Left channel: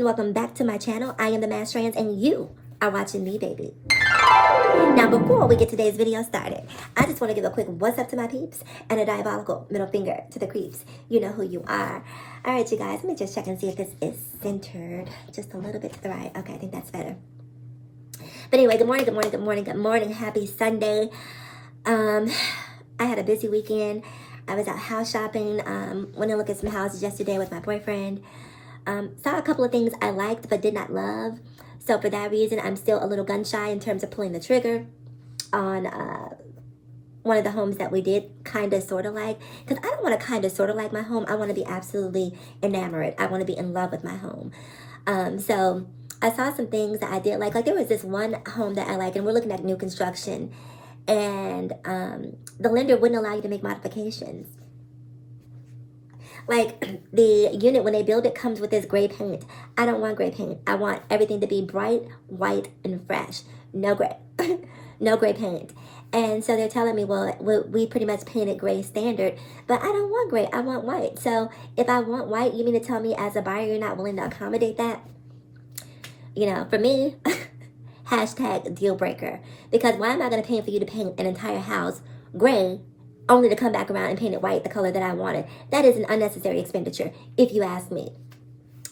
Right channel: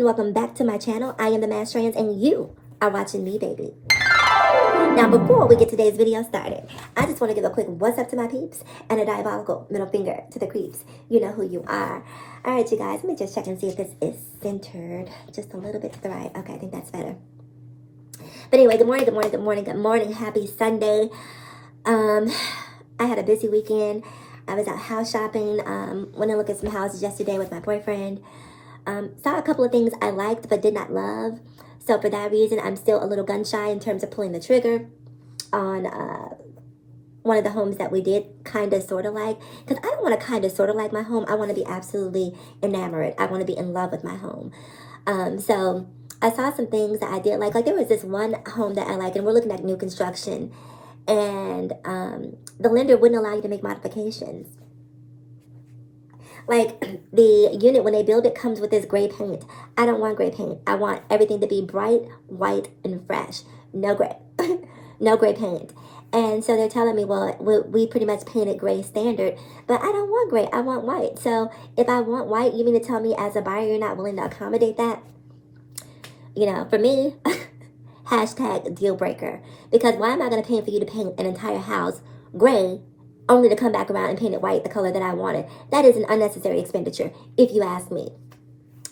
and welcome back to my channel. I am the Mass Trans and you are watching me, baby. Now, before we get today's video started, I just want to give a quick what's up to my peeps and a diabolical middle finger to the creeps. You know who you are. All right, you guys, let me just check and see if this is centered just a little bit to the right. Okay, I think that's better. But anyway, good morning, good morning, good morning, good morning. Happy Sunday. I had a busy weekend. I was out house shopping, went and looked at some houses yesterday with my boyfriend. Saw a couple of things I liked but did not love. So for that reason, I'm still a little gun shy in terms of pulling the trigger on one of the homes that we did kind of sort of like. Because I don't want to kind of sort of like my home. I want to be absolutely enamored. I want to be in love with my home. So I saw some things that I did like. Like there was this one home that I like, and we're looking at new construction. And the lender wouldn't allow you to make modifications. Like the unit, when they build it, comes with this gray paint. I don't want gray paint. I want everything to be bright, white, and fresh. No gray. No gray paint. And so they're telling me, well, we pretty much painted gray standard, but I don't want gray. I want white. So if I want white, you mean to tell me as a buyer, you're not willing to accommodate that? You know, for me, hashtag deal breaker. Because why am I going to pay for you to paint an entire house gray only to come back around and paint it white, the color that I wanted? That is an unnecessary expenditure, if you ask me.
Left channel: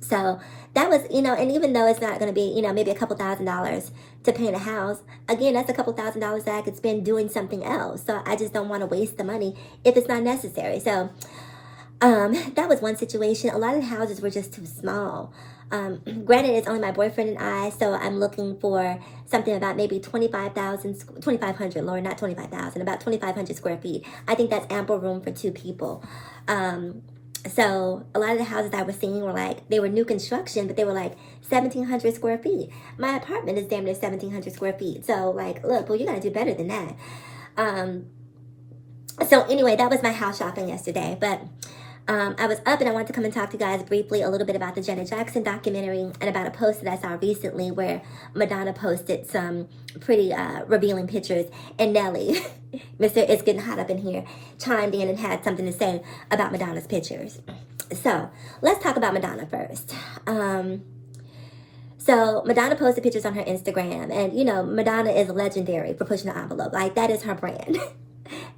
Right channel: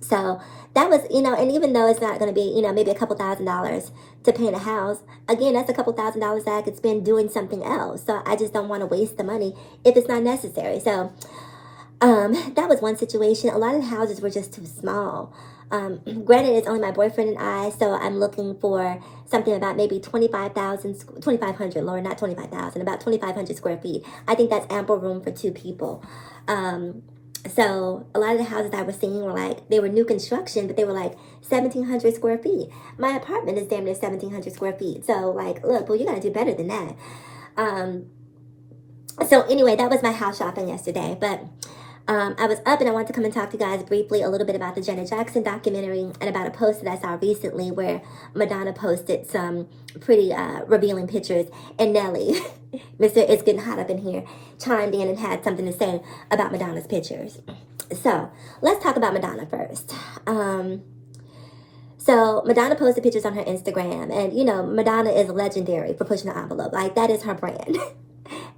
So that was, you know, and even though it's not going to be, you know, maybe a couple $1,000s to paint a house, again, that's a couple $1,000s that I could spend doing something else. So I just don't want to waste the money if it's not necessary. So that was one situation. A lot of the houses were just too small. Granted, it's only my boyfriend and I, so I'm looking for something about maybe 2,500, Lord, not 25,000, about 2,500 square feet. I think that's ample room for two people. So a lot of the houses I was seeing were like, they were new construction, but they were like 1,700 square feet. My apartment is damn near 1,700 square feet. So like, look, well, you got to do better than that. So anyway, that was my house shopping yesterday, but I was up and I wanted to come and talk to you guys briefly a little bit about the Janet Jackson documentary and about a post that I saw recently where Madonna posted some pretty revealing pictures, and Nelly, Mr. It's Getting Hot Up in Here, chimed in and had something to say about Madonna's pictures. So let's talk about Madonna first. So Madonna posted pictures on her Instagram, and you know, Madonna is legendary for pushing the envelope. Like that is her brand.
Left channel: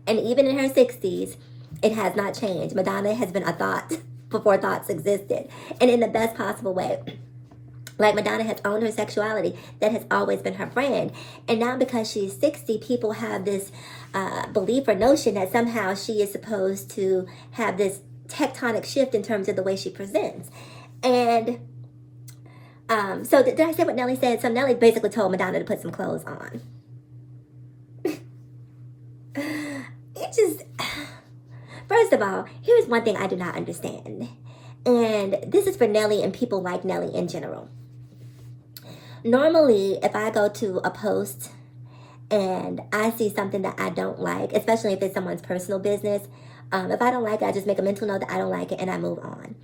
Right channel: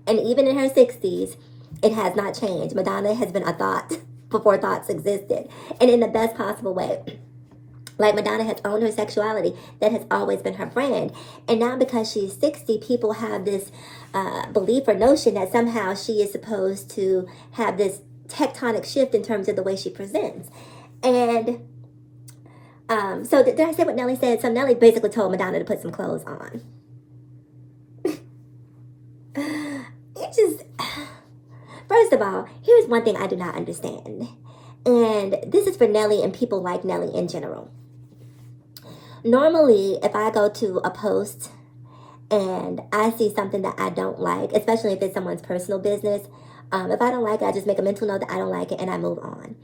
And even in her 60s, it has not changed. Madonna has been a thought before thoughts existed, and in the best possible way. Like Madonna has owned her sexuality. That has always been her brand. And now because she's 60, people have this belief or notion that somehow she is supposed to have this tectonic shift in terms of the way she presents. And so did I say what Nelly said? So Nelly basically told Madonna to put some clothes on. It just... First of all, here's one thing I do not understand. And this is for Nelly and people like Nelly in general. Normally, if I go to a post and I see something that I don't like, especially if it's someone's personal business, if I don't like it, I just make a mental note that I don't like it and I move on.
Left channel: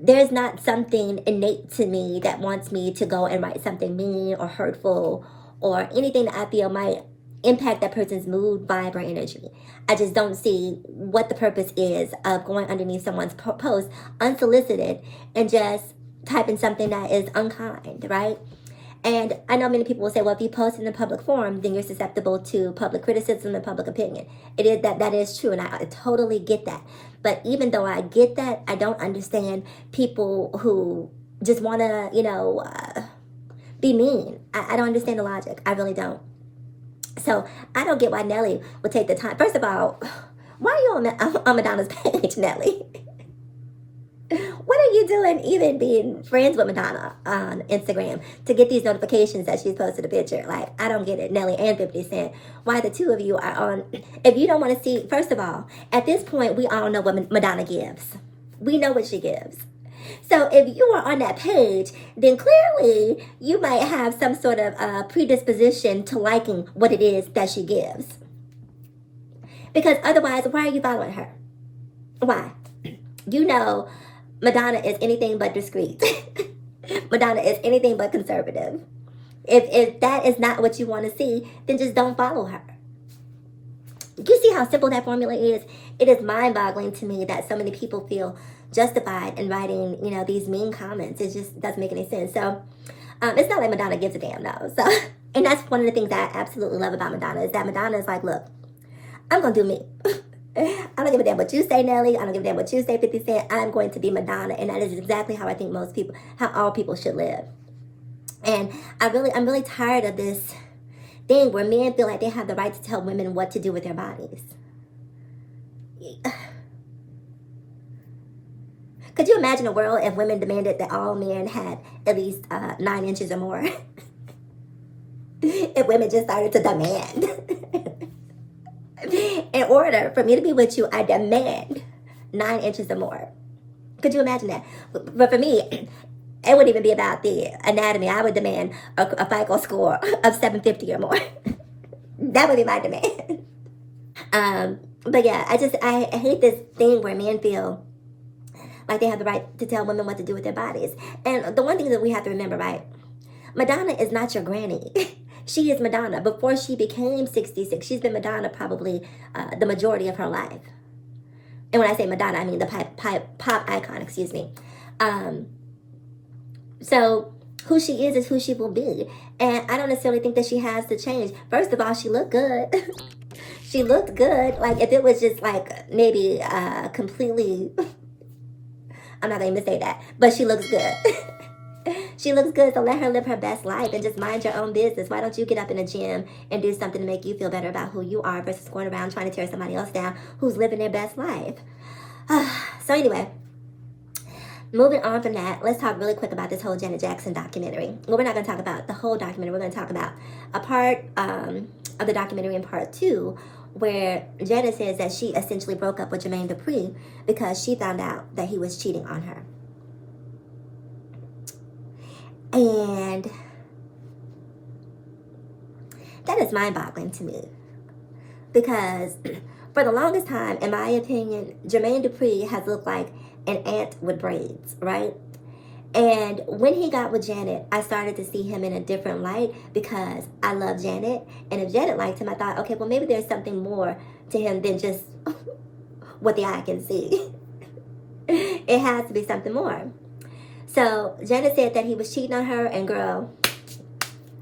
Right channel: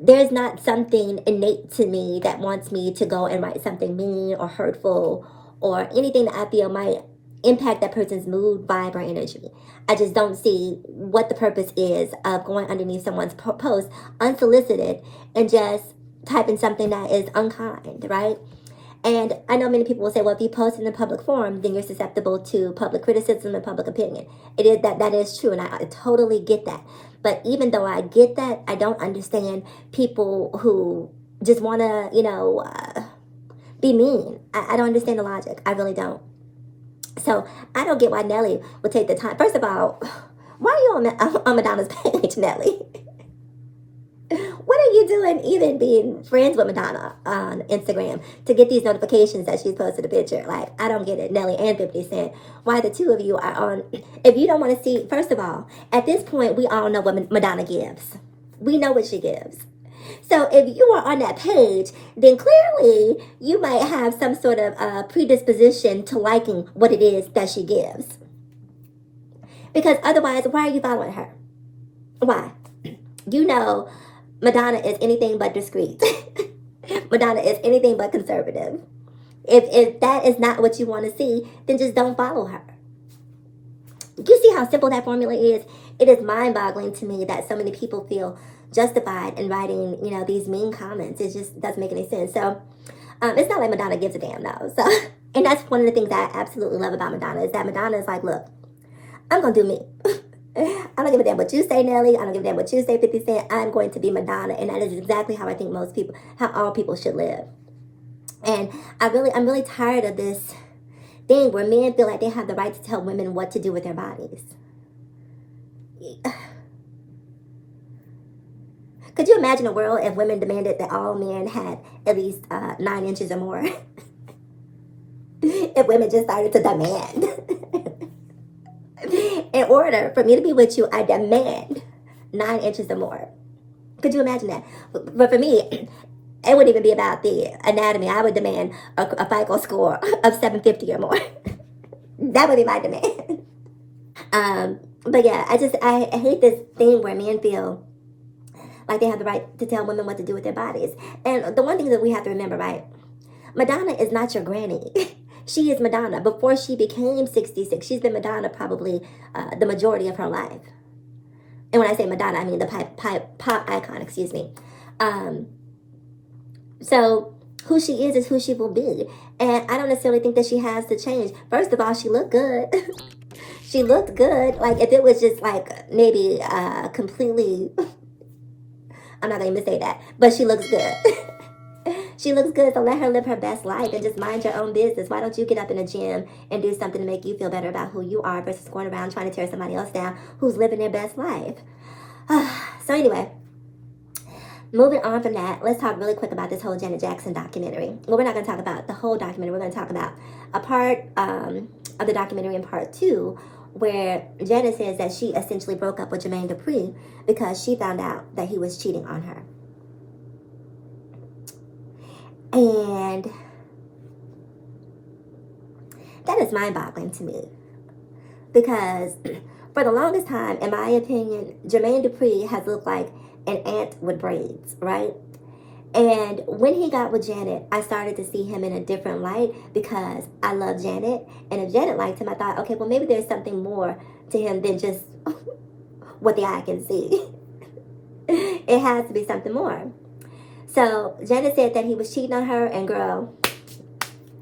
There's not something innate to me that wants me to go and write something mean or hurtful or anything that I feel might impact that person's mood, vibe, or energy. I just don't see what the purpose is of going underneath someone's post unsolicited and just typing something that is unkind, right? And I know many people will say, well, if you post in a public forum, then you're susceptible to public criticism and public opinion. It is that is true, and I totally get that. But even though I get that, I don't understand people who just want to, you know, be mean. I don't understand the logic. I really don't. So I don't get why Nelly would take the time. First of all, why are you on Madonna's page, Nelly? What are you doing even being friends with Madonna on Instagram to get these notifications that she's posted a picture? Like, I don't get it. Nelly and 50 Cent. Why the two of you are on. If you don't want to see, first of all, at this point, we all know what Madonna gives. We know what she gives. So if you are on that page, then clearly you might have some sort of predisposition to liking what it is that she gives. Because otherwise, why are you following her? Why? You know Madonna is anything but discreet. Madonna is anything but conservative. If that is not what you want to see, then just don't follow her. You see how simple that formula is? It is mind-boggling to me that so many people feel justified in writing, these mean comments. It just doesn't make any sense. So it's not like Madonna gives a damn though. So, and that's one of the things that I absolutely love about Madonna, is that Madonna is like, look, I'm going to do me. I don't give a damn what you say, Nelly. I don't give a damn what you say, 50 Cent. I'm going to be Madonna. And that is exactly how I think how all people should live. And I'm really tired of this thing where men feel like they have the right to tell women what to do with their bodies. Could you imagine a world if women demanded that all men had at least 9 inches or more? If women just started to demand. In order for me to be with you, I demand 9 inches or more. Could you imagine that? But for me, it wouldn't even be about the anatomy. I would demand a FICO score of 750 or more. That would be my demand. But yeah, I hate this thing where men feel like they have the right to tell women what to do with their bodies. And the one thing that we have to remember, right? Madonna is not your granny. She is Madonna. Before she became 66, she's been Madonna probably the majority of her life. And when I say Madonna, I mean the pop icon, excuse me. So who she is who she will be. And I don't necessarily think that she has to change. First of all, she looked good. She looked good. Like, if it was just like maybe completely... I'm not going to say that, but she looks good. She looks good, so let her live her best life and just mind your own business. Why don't you get up in the gym and do something to make you feel better about who you are versus going around trying to tear somebody else down who's living their best life? So anyway, moving on from that, let's talk really quick about this whole Janet Jackson documentary. Well, we're not going to talk about the whole documentary. We're going to talk about a part of the documentary in part 2, where Janet says that she essentially broke up with Jermaine Dupri because she found out that he was cheating on her. And that is mind-boggling to me, because for the longest time, in my opinion, Jermaine Dupri has looked like an ant with braids, right? And when he got with Janet, I started to see him in a different light because I love Janet. And if Janet liked him, I thought, okay, well, maybe there's something more to him than just what the eye can see. It has to be something more. So Janet said that he was cheating on her, and girl,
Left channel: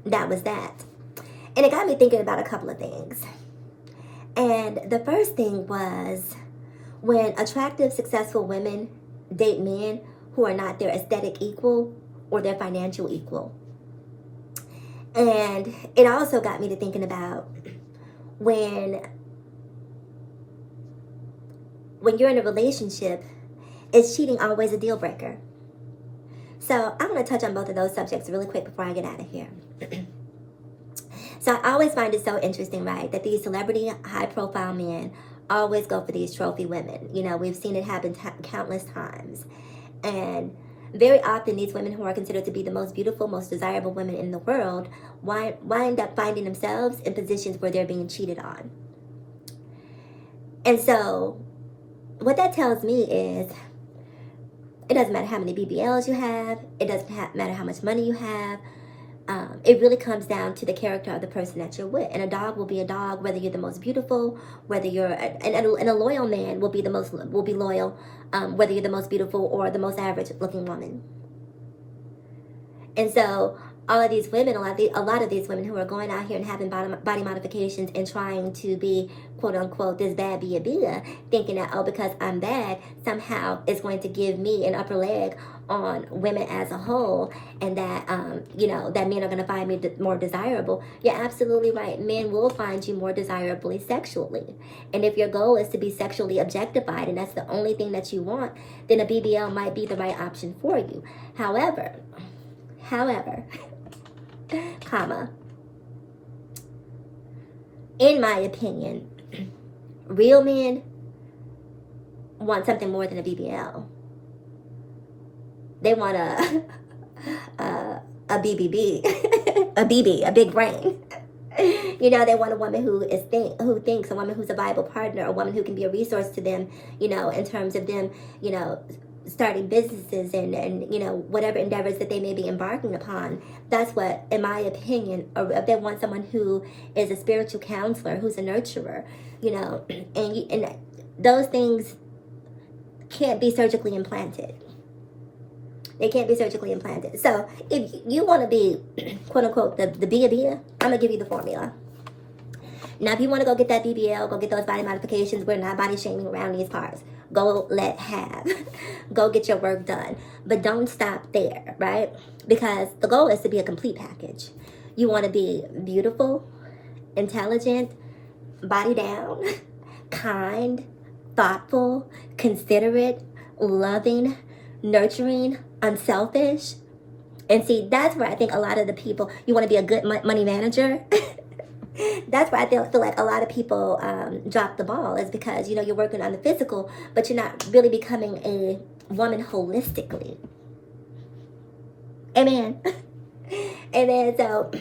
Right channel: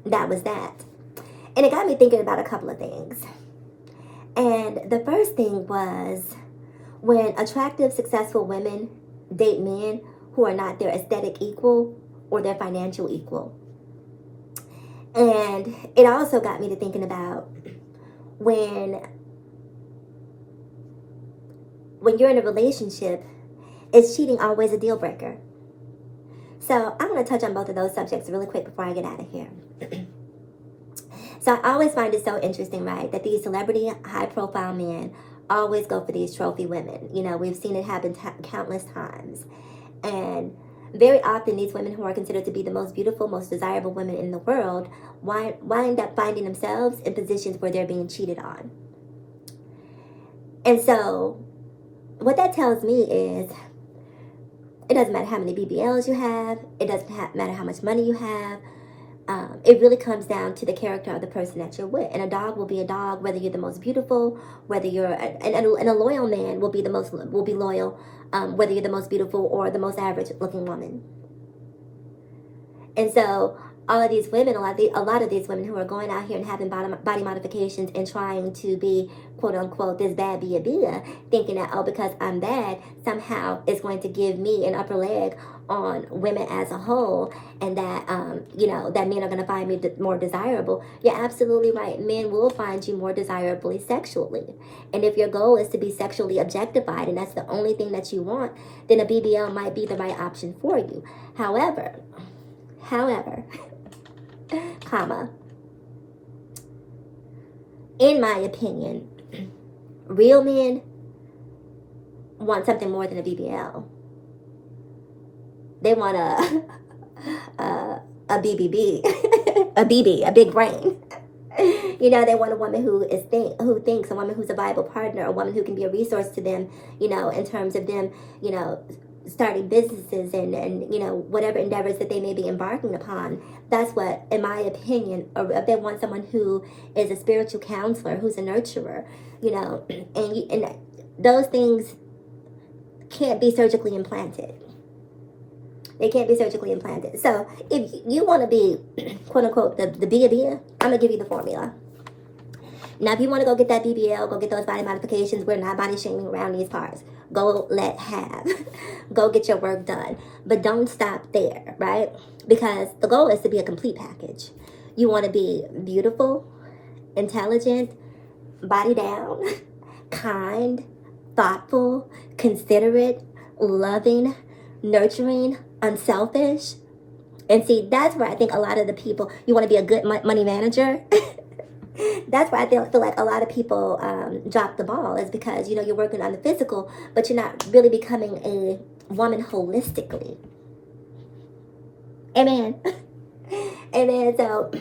that was that. And it got me thinking about a couple of things. And the first thing was, when attractive, successful women date men who are not their aesthetic equal or their financial equal. And it also got me to thinking about when you're in a relationship, is cheating always a deal breaker? So I want to touch on both of those subjects really quick before I get out of here. So I always find it so interesting, right, that these celebrity, high-profile men always go for these trophy women. You know, we've seen it happen countless times. And very often these women who are considered to be the most beautiful, most desirable women in the world wind up finding themselves in positions where they're being cheated on. And so what that tells me is, it doesn't matter how many BBLs you have. It doesn't matter how much money you have. It really comes down to the character of the person that you're with. And a dog will be a dog, whether you're the most beautiful, whether you're, and a loyal man will be loyal, whether you're the most beautiful or the most average looking woman. And so all of these women, a lot of these women who are going out here and having body modifications and trying to be, quote unquote, this bad bia, thinking that, oh, because I'm bad, somehow it's going to give me an upper leg on women as a whole, and that, that men are going to find me more desirable. You're absolutely right. Men will find you more desirably sexually. And if your goal is to be sexually objectified and that's the only thing that you want, then a BBL might be the right option for you. However, comma, in my opinion, real men want something more than a BBL. They want a BBB, a big brain. You know, they want a woman who thinks, a woman who's a viable partner, a woman who can be a resource to them, in terms of them, starting businesses and whatever endeavors that they may be embarking upon. That's what, in my opinion, or if they want someone who is a spiritual counselor, who's a nurturer, and those things can't be surgically implanted. They can't be surgically implanted. So if you want to be, quote unquote, the bia, I'm going to give you the formula. Now, if you want to go get that BBL, go get those body modifications, we're not body shaming around these parts. Go have. Go get your work done. But don't stop there, right? Because the goal is to be a complete package. You want to be beautiful, intelligent, body down, kind, thoughtful, considerate, loving, nurturing, unselfish. And see, that's where I think a lot of the people, you want to be a good money manager. That's why I feel like a lot of people drop the ball, is because, you know, you're working on the physical, but you're not really becoming a woman holistically. Amen. Amen. So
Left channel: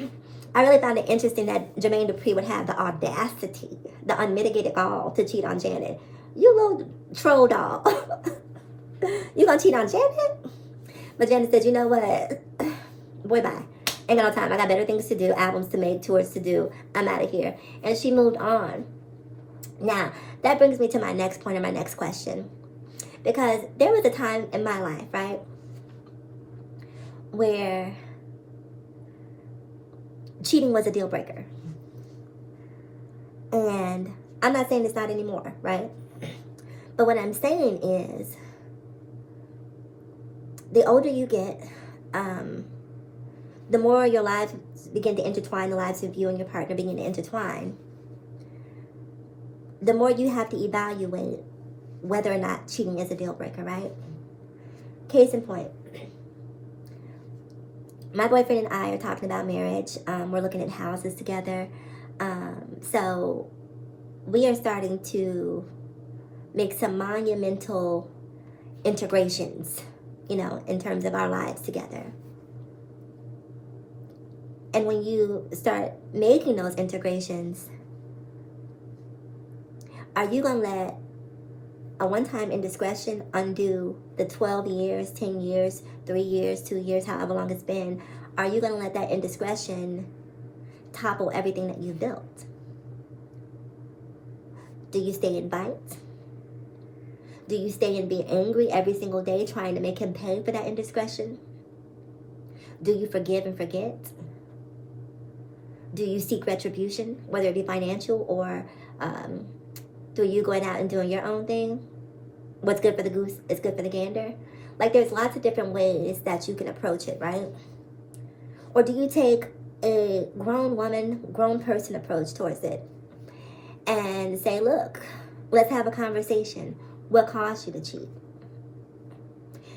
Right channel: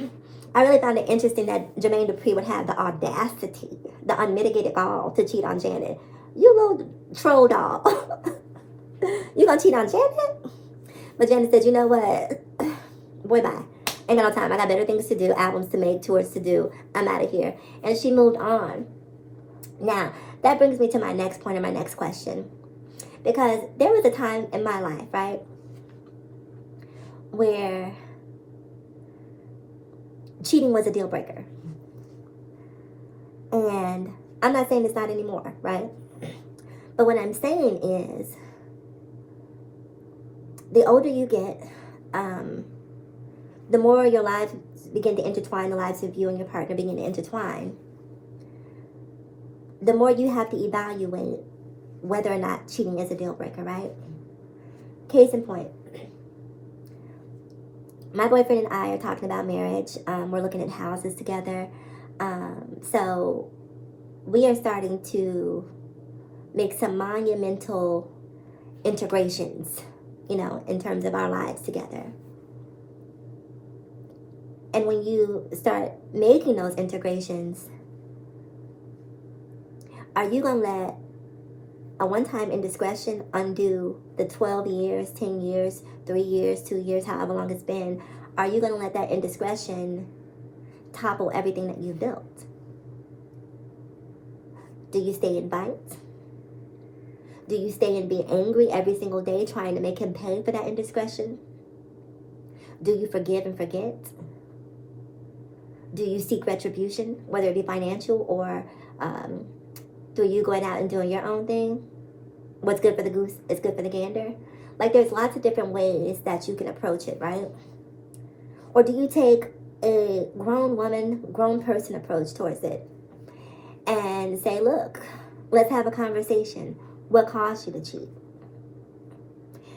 I really found it interesting that Jermaine Dupri would have the audacity, the unmitigated gall to cheat on Janet. You little troll doll. You gonna cheat on Janet? But Janet said, you know what? Boy, bye. Ain't got no time. I got better things to do, albums to make, tours to do. I'm out of here. And she moved on. Now, that brings me to my next point and my next question. Because there was a time in my life, right, where cheating was a deal breaker. And I'm not saying it's not anymore, right? But what I'm saying is, the older you get, the more your lives begin to intertwine, the lives of you and your partner begin to intertwine, the more you have to evaluate whether or not cheating is a deal breaker, right? Case in point, my boyfriend and I are talking about marriage. We're looking at houses together. So we are starting to make some monumental integrations, you know, in terms of our lives together. And when you start making those integrations, are you going to let a one-time indiscretion undo the 12 years, 10 years, 3 years, 2 years, however long it's been? Are you going to let that indiscretion topple everything that you've built? Do you stay in bites? Do you stay and be angry every single day trying to make him pay for that indiscretion? Do you forgive and forget? Do you seek retribution, whether it be financial or through you going out and doing your own thing? What's good for the goose is good for the gander. Like, there's lots of different ways that you can approach it, right? Or do you take a grown woman, grown person approach towards it and say, look, let's have a conversation. What caused you to cheat?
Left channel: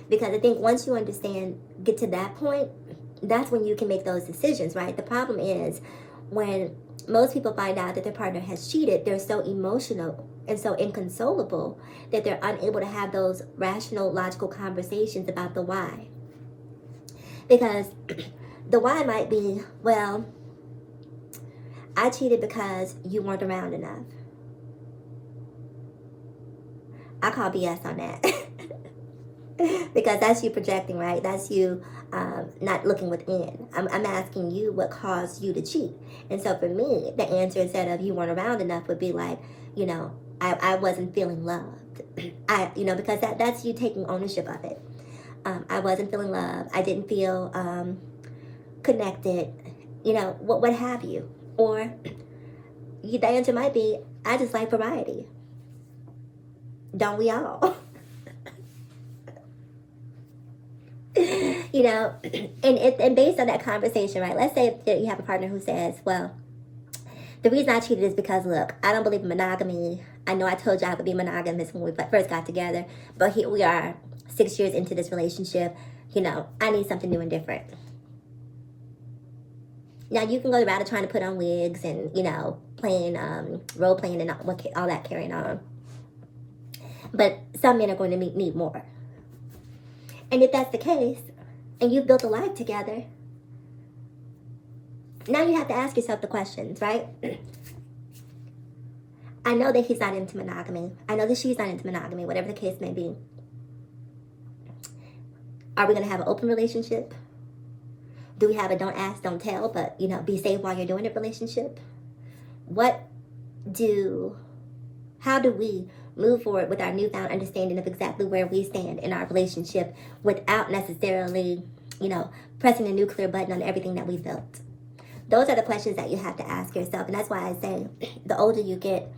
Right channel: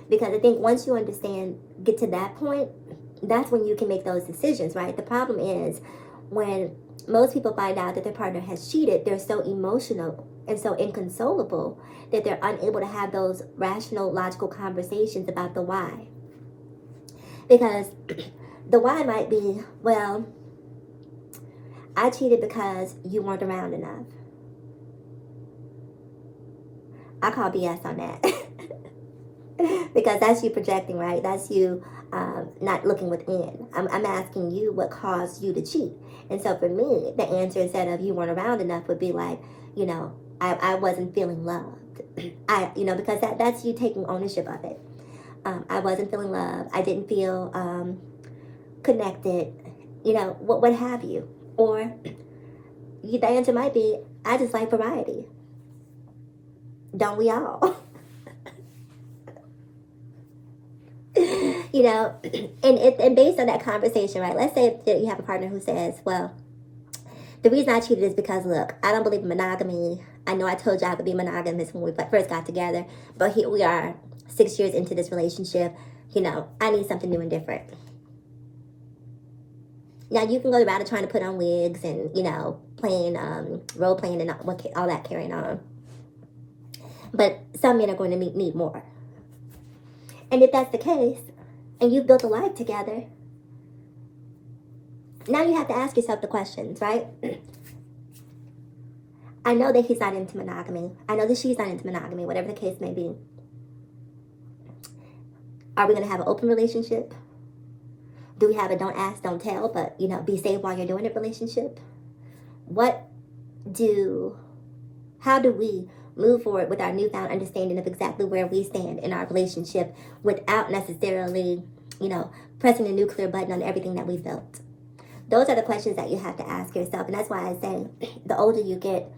Because I think once you understand, get to that point, that's when you can make those decisions, right? The problem is when most people find out that their partner has cheated, they're so emotional and so inconsolable that they're unable to have those rational, logical conversations about the why. Because the why might be, well, I cheated because you weren't around enough. I call BS on that. Because that's you projecting, right? That's you not looking within. I'm asking you what caused you to cheat. And so for me, the answer instead of you weren't around enough would be like, you know, I wasn't feeling loved. Because that's you taking ownership of it. I wasn't feeling loved. I didn't feel connected, what have you. Or the answer might be, I just like variety. Don't we all? And based on that conversation, right, let's say that you have a partner who says, well, the reason I cheated is because, look, I don't believe in monogamy. I know I told you I would be monogamous when we first got together, but here we are 6 years into this relationship. I need something new and different. Now, you can go the route of trying to put on wigs and, playing, role playing and all that carrying on. But some men are going to need more. And if that's the case, and you've built a life together, now you have to ask yourself the questions, right? I know that he's not into monogamy. I know that she's not into monogamy, whatever the case may be. Are we going to have an open relationship? Do we have a don't ask, don't tell, but, be safe while you're doing it relationship? How do we move forward with our newfound understanding of exactly where we stand in our relationship without necessarily, you know, pressing the nuclear button on everything that we've built? Those are the questions that you have to ask yourself. And that's why I say the older you get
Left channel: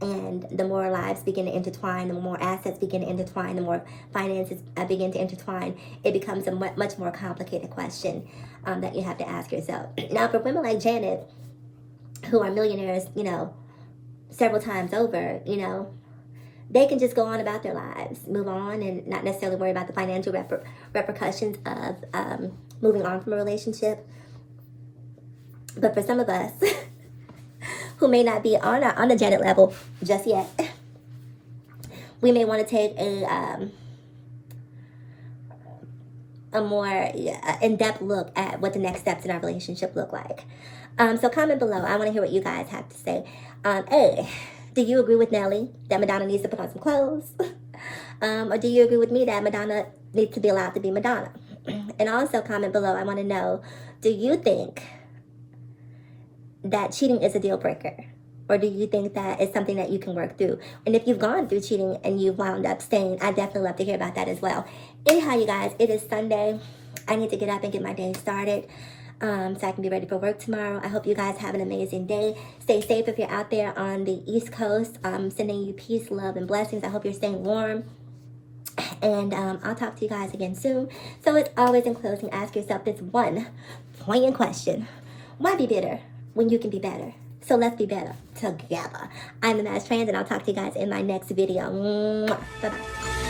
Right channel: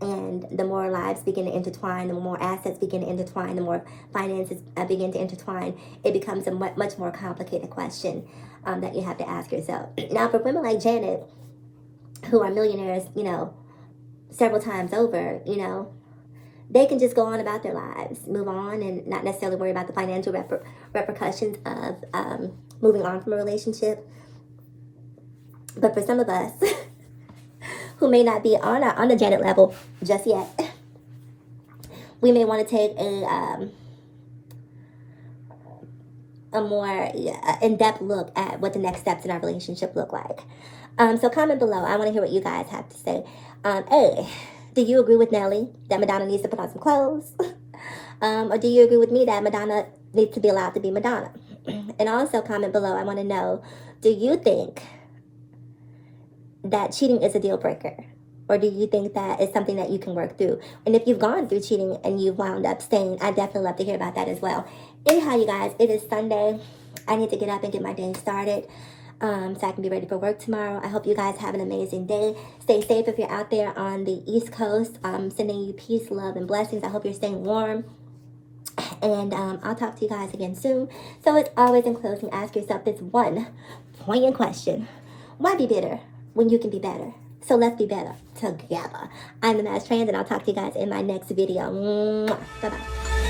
and the more lives begin to intertwine, the more assets begin to intertwine, the more finances begin to intertwine, it becomes a much more complicated question that you have to ask yourself. Now, for women like Janet, who are millionaires, you know, several times over, you know, they can just go on about their lives, move on, and not necessarily worry about the financial repercussions of moving on from a relationship. But for some of us who may not be on the Janet level just yet, we may want to take a more in-depth look at what the next steps in our relationship look like. So comment below. I want to hear what you guys have to say. A, do you agree with Nelly that Madonna needs to put on some clothes? Or do you agree with me that Madonna needs to be allowed to be Madonna? And also comment below. I want to know, do you think that cheating is a deal breaker? Or do you think that it's something that you can work through? And if you've gone through cheating and you've wound up staying, I'd definitely love to hear about that as well. Anyhow, you guys, it is Sunday. I need to get up and get my day started so I can be ready for work tomorrow. I hope you guys have an amazing day. Stay safe if you're out there on the East Coast. I'm sending you peace, love, and blessings. I hope you're staying warm. And I'll talk to you guys again soon. So as always, in closing, ask yourself this one poignant question. Why be bitter when you can be better? So let's be better together. I'm the Mass Trans, and I'll talk to you guys in my next video. Bye-bye.